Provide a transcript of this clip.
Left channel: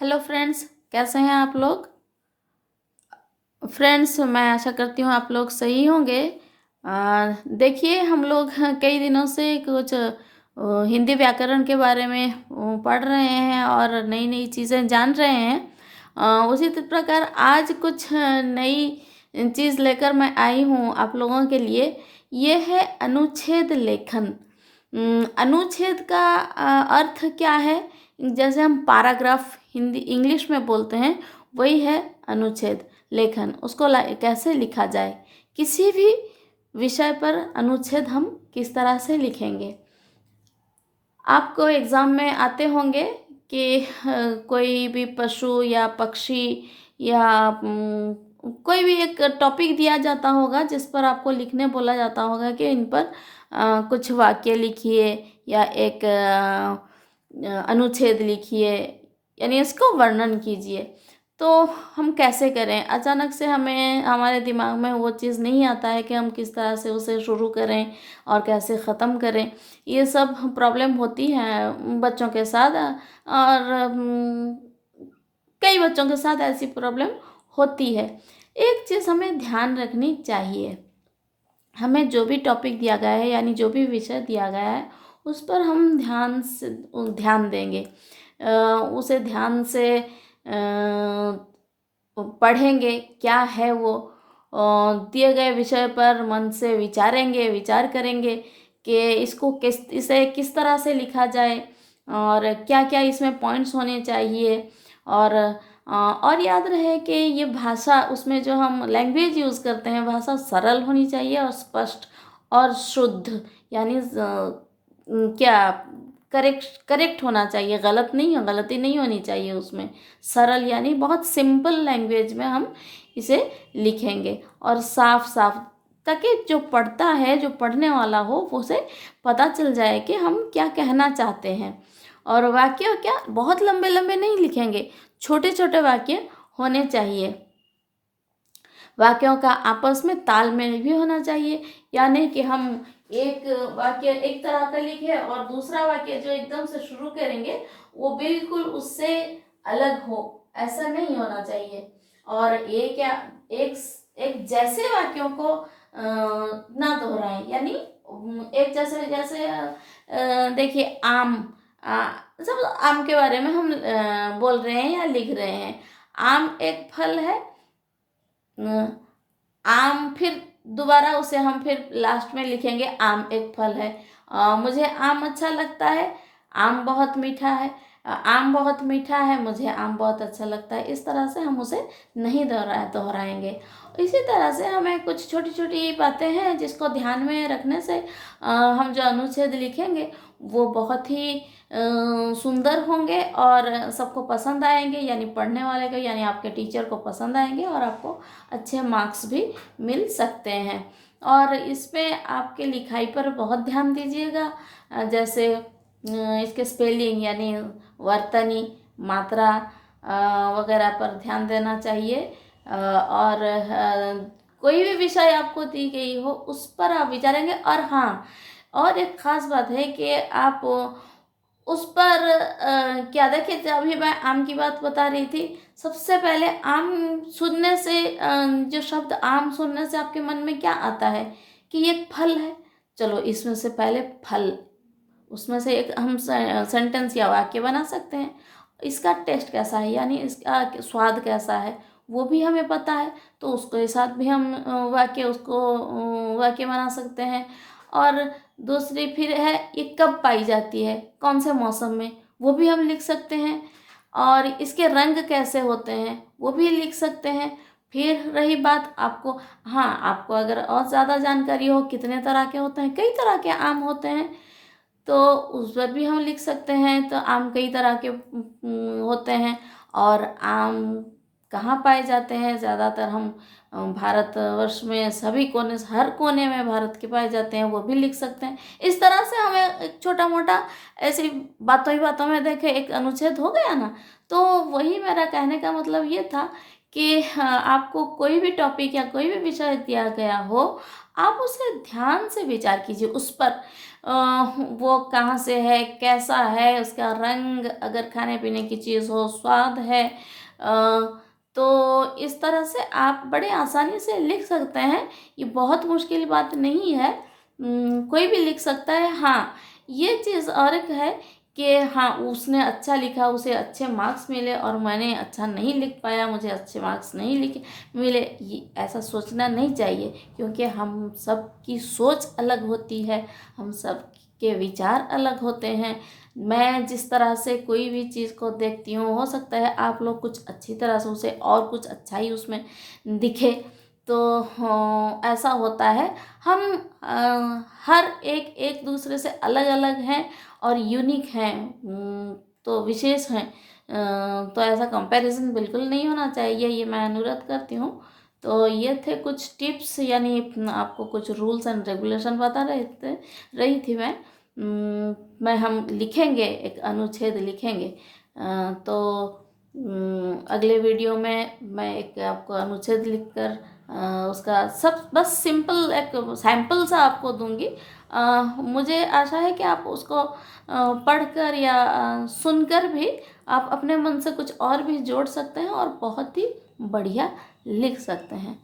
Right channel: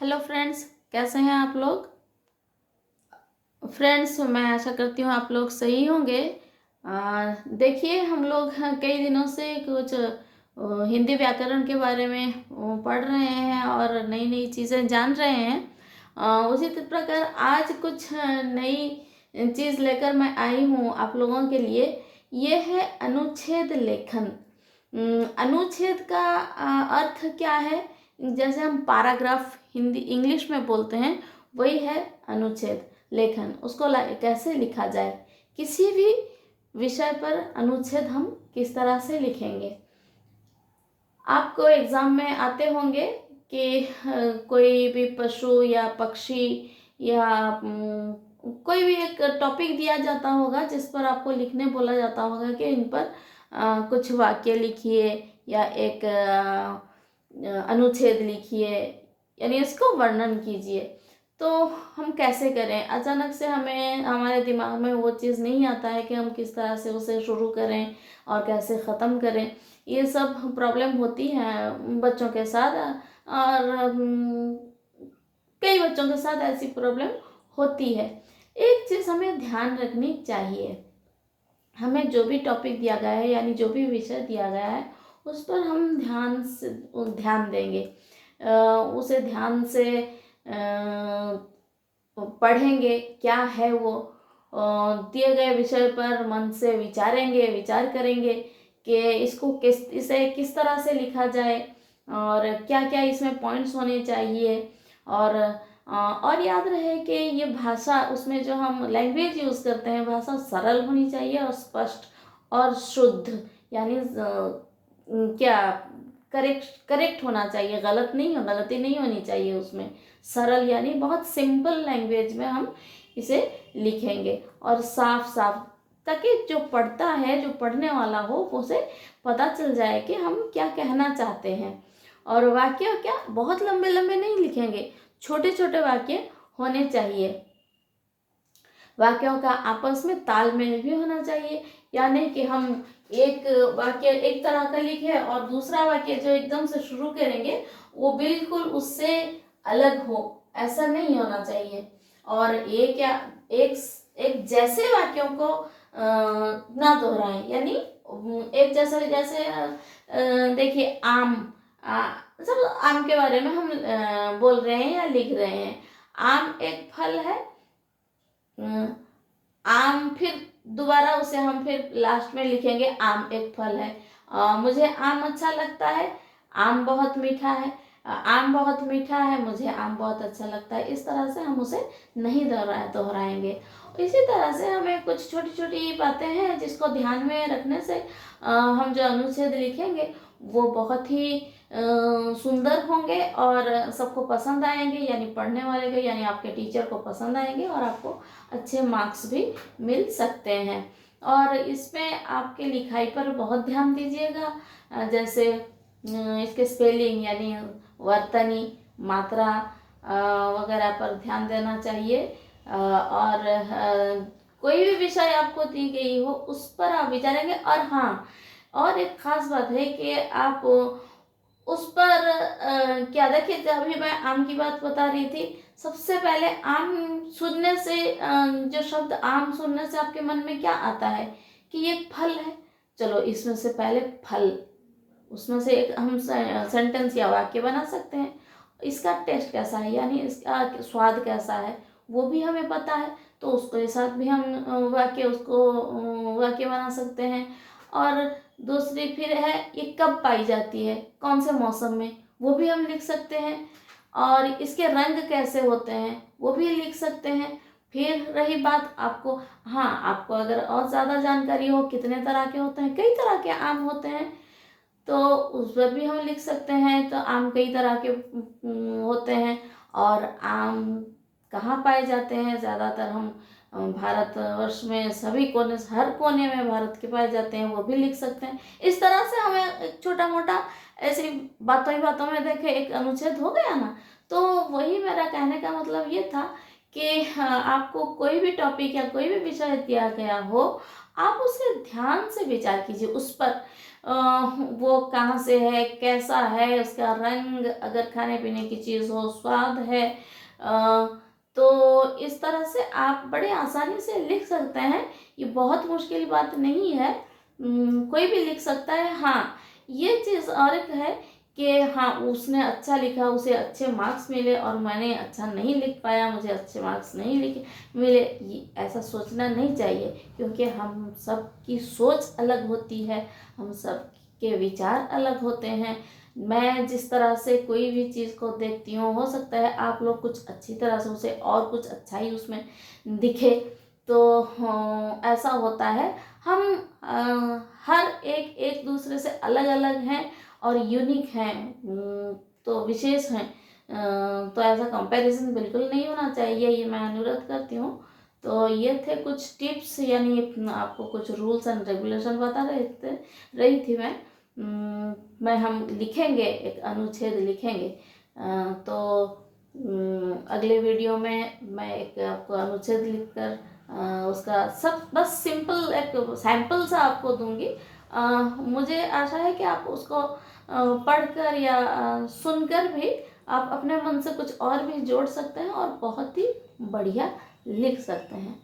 Hello friends, कैसे हैं आप लोग। फ्रेंड्स, मैं आशा करती हूँ आप लोग सही होंगे। देखिए, हम लोग कई दिनों से कुछ हिंदी व्याकरण के बारे में पढ़ रहे हैं और नई नई चीज़ें जान रहे हैं। उसी प्रकार आज कुछ नई चीज़ लेकर मैं आई हूँ आप लोगों के लिए। ये है अनुच्छेद लेखन। अनुच्छेद का अर्थ क्या है? जैसे हम पैराग्राफ हिंदी इंग्लिश में बोलते हैं, वही है अनुच्छेद लेखन। उसको कैसे लिखा जाए, किसी भी विषय पर अनुच्छेद हम किस तरह से लिखेंगे। आपको एग्ज़ाम में आते होंगे कि कोई भी पशु या पक्षी या कोई भी एक टॉपिक दिया जाता होगा जिस पर आपको लिखने बोला जाता होगा कि इन पर कुछ वाक्य लिखिए या एक अनुच्छेद लिखिए, यानी इसको वर्णन कीजिए। तो हम कैसे करें? अचानक से हमें हमारे दिमाग में वो चीज़ नहीं आता है कि हम किस तरह से उसे शुरू करें और कैसे ख़त्म करें। ये सब प्रॉब्लम होती है बच्चों के साथ, और कई बच्चों के साथ ऐसी प्रॉब्लम होती है। एक चीज़ हमें ध्यान रखनी चाहिए, हमें जो भी टॉपिक दिया गया है यानी जो भी विषय दिया गया है उस पर हम ध्यान देंगे, उसे ध्यान से पढ़ेंगे क्या है वो, दिए गए विषय पर मन से विचार करेंगे कि इसे किस तरह से लिखा जाए और क्या क्या इसमें पॉइंट्स होने चाहिए। और याद रहे कि ये भाषा, उसमें जो हम लैंग्वेज यूज़ करते हैं, भाषा सरल होनी चाहिए और स्पष्ट और शुद्ध, यानी क्या करेक्ट होना चाहिए, गलती नहीं होनी चाहिए उसमें। सरल यानी बहुत सिंपल लैंग्वेज में हम इसे लिखेंगे और साफ साफ, ताकि जो पढ़ता है, जो पढ़ने वाला हो, उसे पता चल जाए कि हम क्या कहना चाहते हैं। और वाक्य क्या बहुत लंबे लंबे नहीं लिखेंगे, छोटे छोटे वाक्य होने चाहिए। वाक्यों का आपस में तालमेल भी होना चाहिए, यानी कि हम एक वाक्य एक तरह का लिखे और दूसरा वाक्य जो एकदम से शुरू करेंगे वो बिल्कुल उससे अलग हो, ऐसा नहीं होना चाहिए। और ये क्या, एक एक जैसे वाक्यों को ना दोहराएं, यानी एक जैसे जैसे देखिए, सब आम के बारे में हम बोल रहे हैं या लिख रहे हैं। आम एक फल है। आम, फिर दोबारा उसे हम फिर लास्ट में लिखेंगे आम एक फल है। मुझे आम अच्छा लगता है, आम बहुत मीठा है। आम बहुत मीठा है, मुझे आम बहुत अच्छा लगता है। इस तरह से हम उसे नहीं दोहराएंगे। इसी तरह से हमें कुछ छोटी छोटी बातें हैं जिसको ध्यान में रखने से हम जो अनुच्छेद लिखेंगे वो बहुत ही सुंदर होंगे और सबको पसंद आएंगे, यानी पढ़ने वाले को, यानी आपके टीचर को पसंद आएंगे और आपको अच्छे मार्क्स भी मिल सकते हैं। और इसमें आपके लिखाई पर बहुत ध्यान दीजिएगा, जैसे इसके स्पेलिंग यानी वर्तनी, मात्रा वगैरह पर ध्यान देना चाहिए। और कोई भी विषय आपको दी गई हो उस पर आप विचारेंगे। और हाँ, और एक खास बात है कि आप उस पर क्या, देखिए, जब अभी मैं आम की बात बता रही थी, सबसे पहले आम सुनने से जो शब्द आम सुनने से आपके मन में क्या आता है कि ये एक फल है। चलो, इसमें से पहले फल, उसमें से एक हम सेंटेंस या वाक्य बना सकते हैं। इसका टेस्ट कैसा है, यानी इसका स्वाद कैसा है, वो भी हमें पता है, तो उसके साथ भी हम वाक्य बना सकते हैं। और दूसरी फिर है, ये कब पाई जाती है, कौन से मौसम में, वो भी हम लिख सकते हैं। और इसके रंग कैसे होते हैं वो भी लिख सकते हैं। फिर रही बात आपको, हाँ, आपको अगर और ज़्यादा जानकारी हो कितने तरह के होते हैं, कई तरह के आम होते हैं, तो उस पर भी हम लिख सकते हैं। तो आम कई तरह के होते हैं। और आम कहाँ पाए जाते हैं? ज़्यादातर हम भारतवर्ष में सभी कोने, हर कोने में भारत के पाए जाते हैं, वो भी लिख सकते हैं। इस तरह से हमें एक छोटा मोटा ऐसी बातों ही बातों में देखे एक अनुच्छेद हो गया ना। तो वही मेरा कहने का मतलब ये था कि आपको कोई भी टॉपिक या कोई भी विषय दिया गया हो, आप उसे ध्यान से विचार कीजिए उस पर। वो कहाँ से है, कैसा है, उसका रंग, अगर खाने पीने की चीज़ हो, स्वाद है, तो इस तरह से आप बड़े आसानी से लिख सकते हैं। ये बहुत मुश्किल बात नहीं है, कोई भी लिख सकता है। हाँ, ये चीज़ और एक है कि हाँ, उसने अच्छा लिखा, उसे अच्छे मार्क्स मिले और मैंने अच्छा नहीं लिख पाया, मुझे अच्छे मार्क्स नहीं लिखे मिले, ये ऐसा सोचना नहीं चाहिए, क्योंकि हम सब की सोच अलग होती है, हम सब के विचार अलग होते हैं। मैं जिस तरह से कोई भी चीज़ को देखती हूँ, हो सकता है आप लोग कुछ अच्छी तरह से उसे और कुछ अच्छाई उसमें दिखे, तो हाँ, ऐसा होता है। हम हर एक एक दूसरे से अलग अलग हैं और यूनिक हैं, तो विशेष हैं। तो ऐसा कंपैरिजन बिल्कुल नहीं होना चाहिए, ये मैं अनुरोध करती हूँ। तो ये थे कुछ टिप्स, यानी आपको कुछ रूल्स एंड रेगुलेशन बता रही थी मैं। हम लिखेंगे, एक अनुच्छेद लिखेंगे। तो अगले वीडियो में मैं एक आपको अनुच्छेद लिखकर उसका सब बस सिंपल एक सैंपल सा आपको दूंगी। मुझे आशा है कि आप उसको पढ़कर या सुनकर भी आप अपने मन से कुछ और भी जोड़ सकते हैं और बहुत ही बढ़िया लिख सकते हैं।